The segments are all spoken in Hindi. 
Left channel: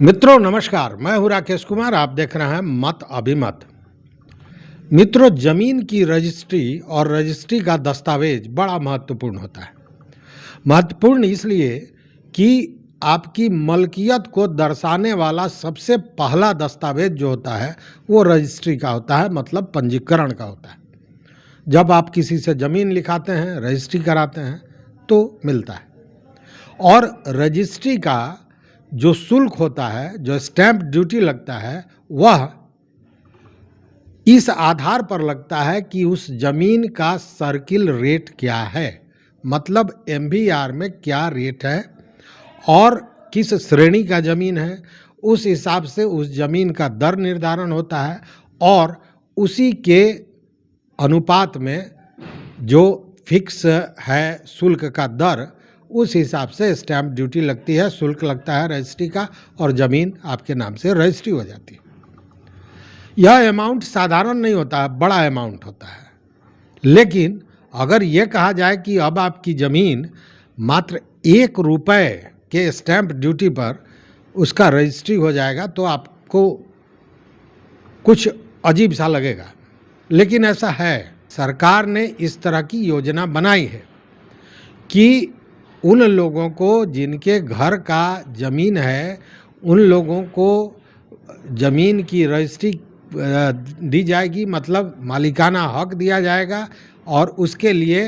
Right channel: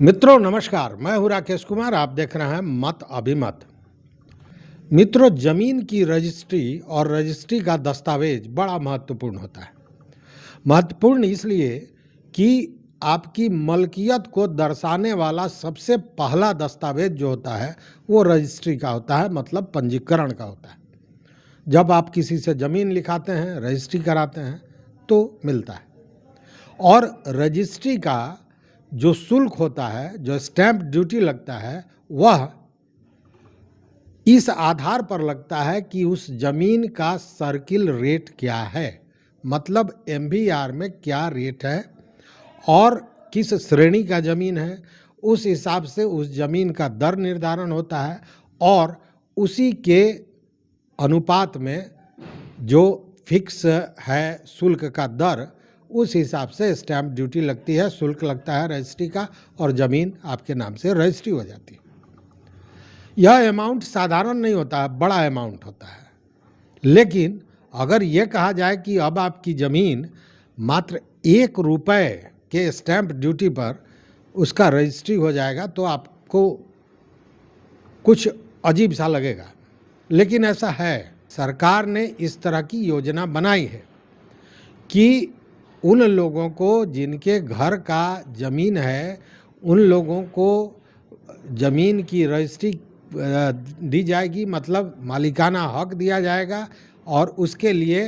मित्रों नमस्कार, मैं हूं राकेश कुमार। आप देख रहे हैं मत अभिमत। मित्रों, जमीन की रजिस्ट्री और रजिस्ट्री का दस्तावेज बड़ा महत्वपूर्ण होता है। महत्वपूर्ण इसलिए कि आपकी मलकियत को दर्शाने वाला सबसे पहला दस्तावेज जो होता है वो रजिस्ट्री का होता है, मतलब पंजीकरण का होता है। जब आप किसी से ज़मीन लिखाते हैं, रजिस्ट्री कराते हैं तो मिलता है। और रजिस्ट्री का जो शुल्क होता है, जो स्टैंप ड्यूटी लगता है, वह इस आधार पर लगता है कि उस जमीन का सर्किल रेट क्या है, मतलब एमवीआर में क्या रेट है और किस श्रेणी का जमीन है, उस हिसाब से उस जमीन का दर निर्धारण होता है और उसी के अनुपात में जो फिक्स है शुल्क का दर, उस हिसाब से स्टैंप ड्यूटी लगती है, शुल्क लगता है रजिस्ट्री का और ज़मीन आपके नाम से रजिस्ट्री हो जाती है। यह अमाउंट साधारण नहीं होता है, बड़ा अमाउंट होता है। लेकिन अगर ये कहा जाए कि अब आपकी ज़मीन मात्र ₹1 के स्टैंप ड्यूटी पर उसका रजिस्ट्री हो जाएगा तो आपको कुछ अजीब सा लगेगा, लेकिन ऐसा है। सरकार ने इस तरह की योजना बनाई है कि उन लोगों को जिनके घर का ज़मीन है, उन लोगों को ज़मीन की रजिस्ट्री दी जाएगी, मतलब मालिकाना हक दिया जाएगा और उसके लिए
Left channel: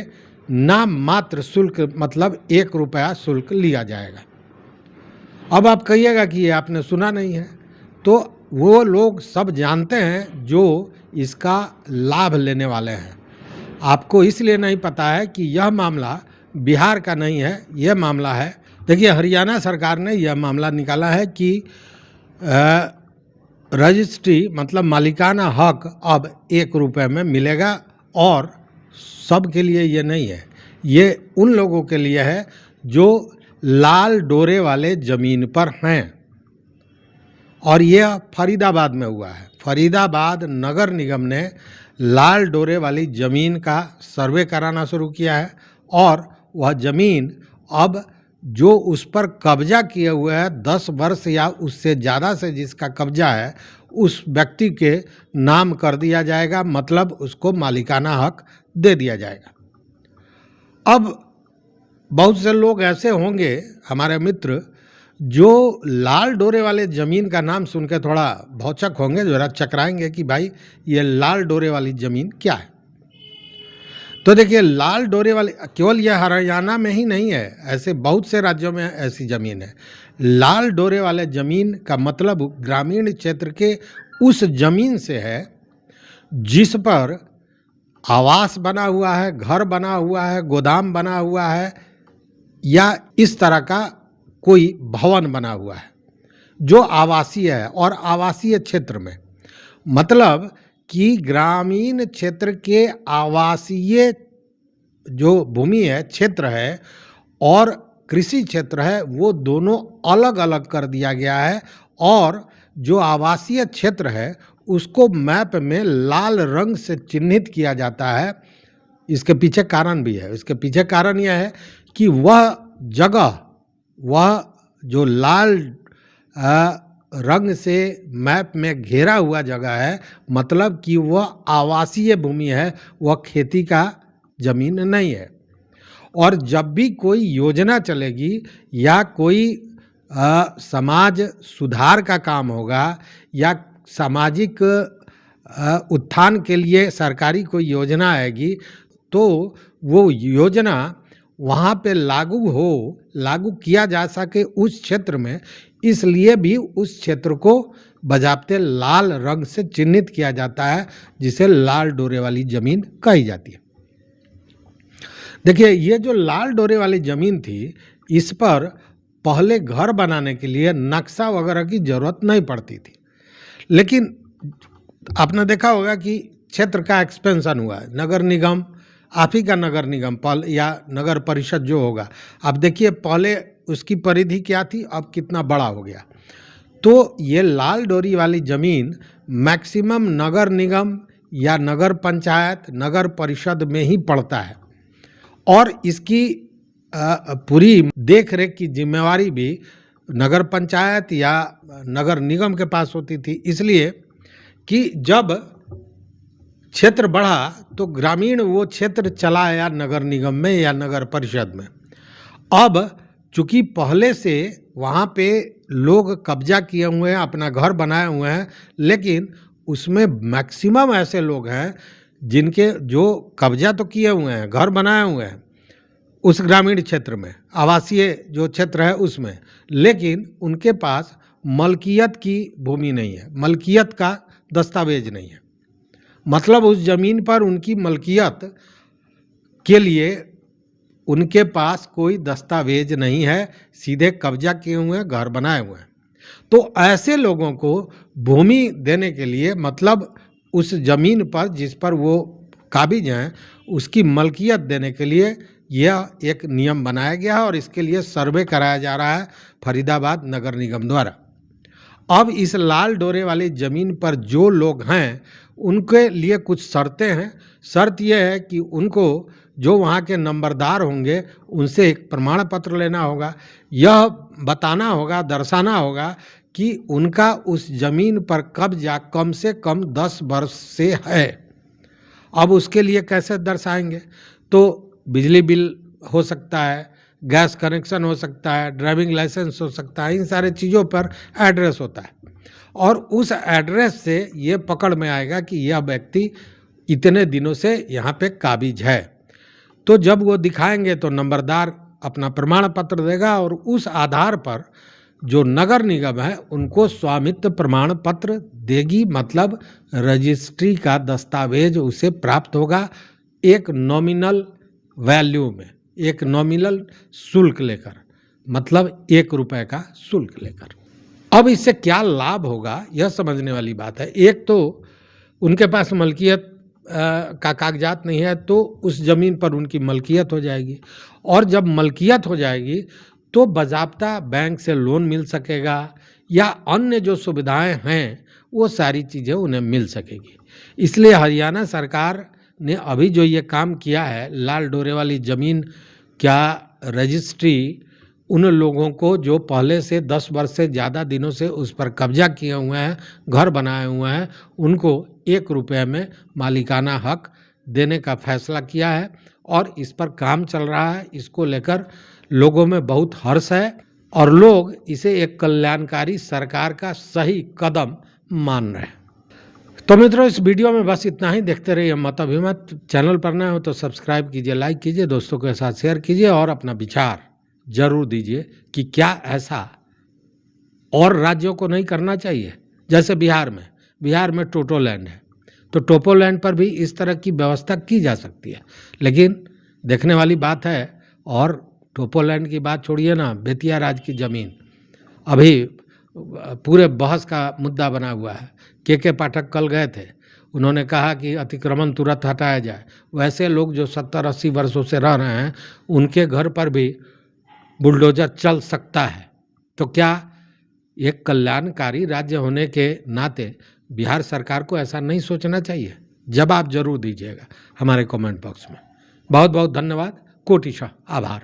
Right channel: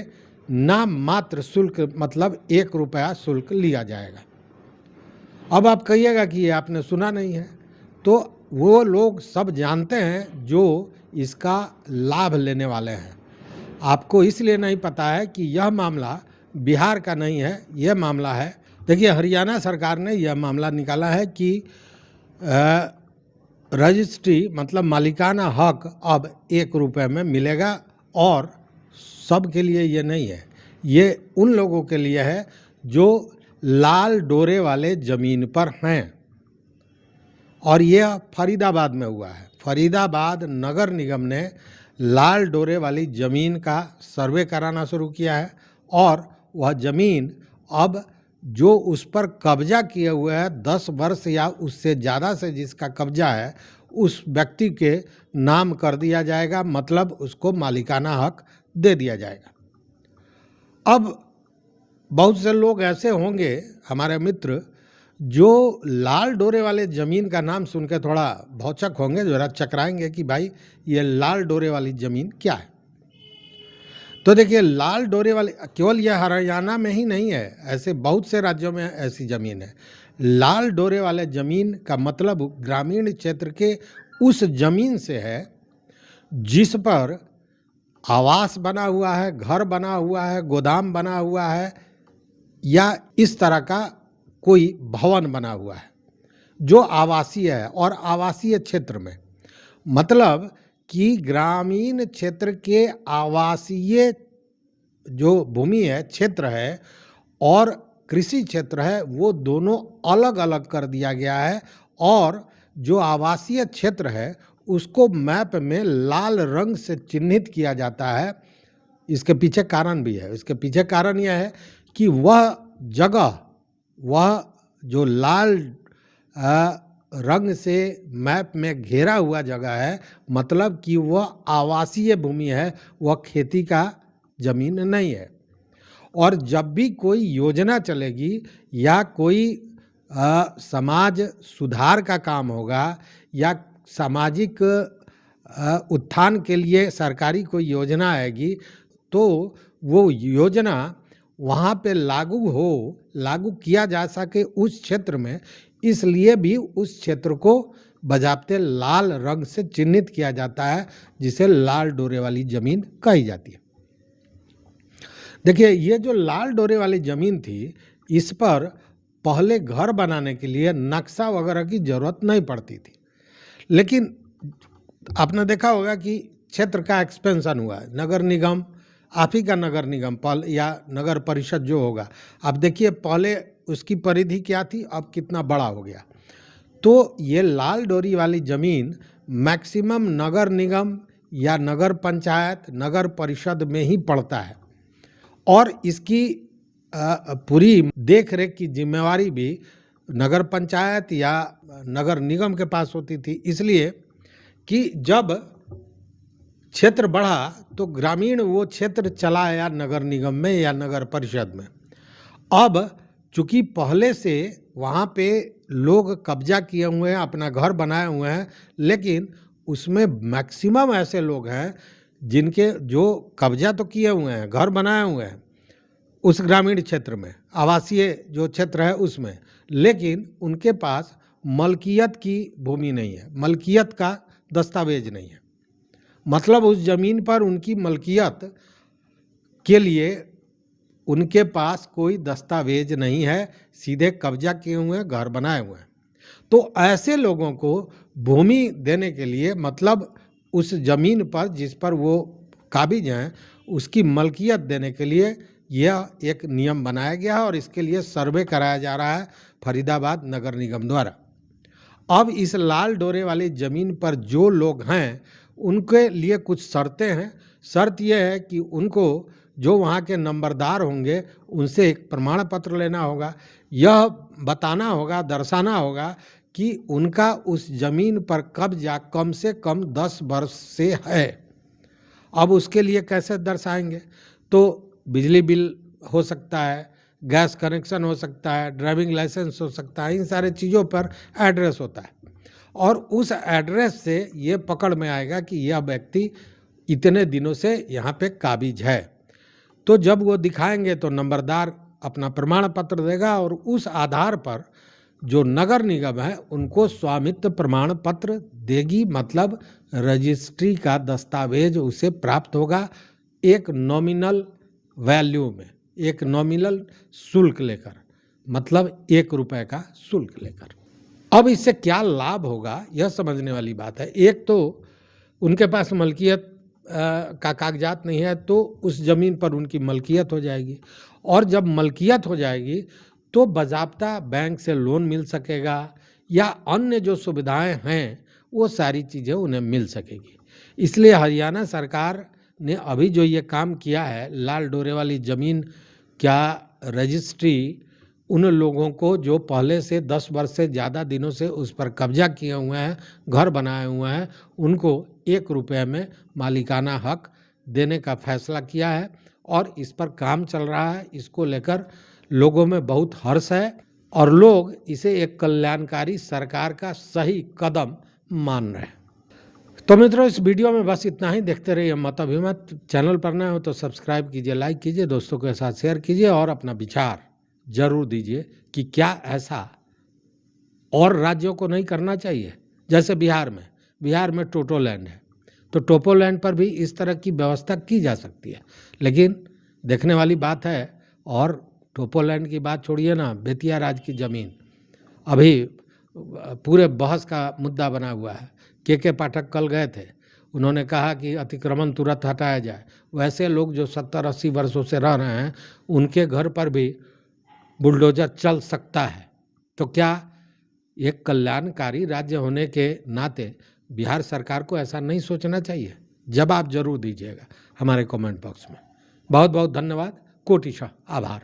नाम मात्र शुल्क, मतलब ₹1 शुल्क लिया जाएगा। अब आप कहिएगा कि ये आपने सुना नहीं है, तो वो लोग सब जानते हैं जो इसका लाभ लेने वाले हैं। आपको इसलिए नहीं पता है कि यह मामला बिहार का नहीं है, यह मामला है, देखिए, हरियाणा सरकार ने यह मामला निकाला है कि रजिस्ट्री मतलब मालिकाना हक अब ₹1 में मिलेगा और सब के लिए ये नहीं है, ये उन लोगों के लिए है जो लाल डोरे वाले ज़मीन पर हैं। और यह फरीदाबाद में हुआ है। फरीदाबाद नगर निगम ने लाल डोरे वाली ज़मीन का सर्वे कराना शुरू किया है और वह ज़मीन अब जो उस पर कब्जा किए हुए है 10 वर्ष या उससे ज़्यादा से जिसका कब्जा है, उस व्यक्ति के नाम कर दिया जाएगा, मतलब उसको मालिकाना हक दे दिया जाएगा। अब बहुत से लोग ऐसे होंगे हमारे मित्र जो लाल डोरे वाले ज़मीन का नाम सुन के थोड़ा भौचक होंगे, जरा चकराएंगे कि भाई ये लाल डोरे वाली ज़मीन क्या है। तो देखिए, लाल डोरे वाली केवल यह हरियाणा में ही नहीं है, ऐसे बहुत से राज्यों में ऐसी ज़मीन है। लाल डोरे वाले ज़मीन का मतलब ग्रामीण क्षेत्र के उस ज़मीन से है जिस पर आवास बना हुआ है, घर बना हुआ है, गोदाम बना हुआ है या इस तरह का कोई भवन बना हुआ है जो आवासीय है। और आवासीय क्षेत्र में मतलब कि ग्रामीण क्षेत्र के आवासीय जो भूमि है, क्षेत्र है, और कृषि क्षेत्र है, वो दोनों अलग अलग कर दिया गया है। और जो आवासीय क्षेत्र है उसको मैप में लाल रंग से चिन्हित किया जाता है। इसके पीछे कारण भी है। इसके पीछे कारण यह है कि वह जगह, वह जो लाल रंग से मैप में घेरा हुआ जगह है, मतलब कि वह आवासीय भूमि है, वह खेती का ज़मीन नहीं है। और जब भी कोई योजना चलेगी या कोई समाज सुधार का काम होगा या सामाजिक उत्थान के लिए सरकारी कोई योजना आएगी, तो वो योजना वहाँ पे लागू किया जा सके उस क्षेत्र में, इसलिए भी उस क्षेत्र को बजाते लाल रंग से चिन्हित किया जाता है, जिसे लाल डोरे वाली ज़मीन कही जाती है। देखिए, ये जो लाल डोरे वाली ज़मीन थी, इस पर पहले घर बनाने के लिए नक्शा वगैरह की ज़रूरत नहीं पड़ती थी। लेकिन आपने देखा होगा कि क्षेत्र का एक्सपेंशन हुआ है, नगर निगम, आप ही का नगर निगम या नगर परिषद जो होगा, आप देखिए पहले उसकी परिधि क्या थी, अब कितना बड़ा हो गया। तो ये लाल डोरी वाली ज़मीन मैक्सिमम नगर निगम या नगर पंचायत, नगर परिषद में ही पड़ता है और इसकी पूरी देख रेख की जिम्मेवारी भी नगर पंचायत या नगर निगम के पास होती थी, इसलिए कि जब क्षेत्र बढ़ा तो ग्रामीण वो क्षेत्र चला आया नगर निगम में या नगर परिषद में। अब चूंकि पहले से वहाँ पे लोग कब्जा किए हुए हैं, अपना घर बनाए हुए हैं, लेकिन उसमें मैक्सिमम ऐसे लोग हैं जिनके जो कब्जा तो किए हुए हैं, घर बनाए हुए हैं उस ग्रामीण क्षेत्र में, आवासीय जो क्षेत्र है उसमें, लेकिन उनके पास मलकियत की भूमि नहीं है, मलकियत का दस्तावेज नहीं है। मतलब उस जमीन पर उनकी मलकियत के लिए उनके पास कोई दस्तावेज नहीं है, सीधे कब्जा किए हुए हैं, घर बनाए हुए हैं। तो ऐसे लोगों को भूमि देने के लिए, मतलब उस जमीन पर जिस पर वो काबिज हैं उसकी मलकियत देने के लिए यह एक नियम बनाया गया है और इसके लिए सर्वे कराया जा रहा है फरीदाबाद नगर निगम द्वारा। अब इस लाल डोरे वाली जमीन पर जो लोग हैं उनके लिए कुछ शर्तें हैं। शर्त यह है कि उनको जो वहाँ के नंबरदार होंगे उनसे एक प्रमाण पत्र लेना होगा, यह बताना होगा, दर्शाना होगा कि उनका उस जमीन पर कब्जा कम से कम 10 वर्ष से है। अब उसके लिए कैसे दर्शाएंगे? तो बिजली बिल हो सकता है, गैस कनेक्शन हो सकता है, ड्राइविंग लाइसेंस हो सकता है, इन सारे चीज़ों पर एड्रेस होता है और उस एड्रेस से ये पकड़ में आएगा कि यह व्यक्ति इतने दिनों से यहाँ पे काबिज है। तो जब वो दिखाएंगे तो नंबरदार अपना प्रमाण पत्र देगा और उस आधार पर जो नगर निगम है उनको स्वामित्व प्रमाण पत्र देगी, मतलब रजिस्ट्री का दस्तावेज उसे प्राप्त होगा एक नॉमिनल वैल्यू में, एक नॉमिनल शुल्क लेकर, मतलब 1 रुपए का शुल्क लेकर। अब इससे क्या लाभ होगा यह समझने वाली बात है। एक तो उनके पास मलकियत का कागजात नहीं है तो उस जमीन पर उनकी मलकियत हो जाएगी और जब मलकियत हो जाएगी तो बाज़ाब्ता बैंक से लोन मिल सकेगा या अन्य जो सुविधाएं हैं वो सारी चीज़ें उन्हें मिल सकेगी। इसलिए हरियाणा सरकार ने अभी जो ये काम किया है, लाल डोरे वाली ज़मीन क्या रजिस्ट्री उन लोगों को जो पहले से 10 वर्ष से ज़्यादा दिनों से उस पर कब्जा किए हुए हैं, घर बनाए हुए हैं, उनको 1 रुपये में मालिकाना हक देने का फैसला किया है और इस पर काम चल रहा है। इसको लेकर लोगों में बहुत हर्ष है और लोग इसे एक कल्याणकारी सरकार का सही कदम मान रहे हैं। तो मित्रों, इस वीडियो में बस इतना ही। देखते रहिए मत अभिमत। चैनल पर नए हो तो सब्सक्राइब कीजिए, लाइक कीजिए, दोस्तों के साथ शेयर कीजिए और अपना विचार जरूर दीजिए कि क्या ऐसा और राज्यों को नहीं करना चाहिए। जैसे बिहार में टोटोलैंड है तो टोपोलैंड पर भी इस तरह की व्यवस्था की जा सकती है। लेकिन देखने वाली बात है, और टोपोलैंड की बात छोड़िए ना, बेतिया राज की ज़मीन अभी पूरे बहस का मुद्दा बना हुआ है। के पाठक कल गए थे, उन्होंने कहा कि अतिक्रमण तुरंत हटाया जाए। वैसे लोग जो 70-80 वर्षों से रह रहे हैं उनके घर पर भी बुलडोजर चल सकता है। तो क्या एक कल्याणकारी राज्य होने के नाते बिहार सरकार को ऐसा नहीं सोचना चाहिए? जवाब जरूर दीजिएगा हमारे कमेंट बॉक्स में। बहुत बहुत धन्यवाद, कोटिशः आभार।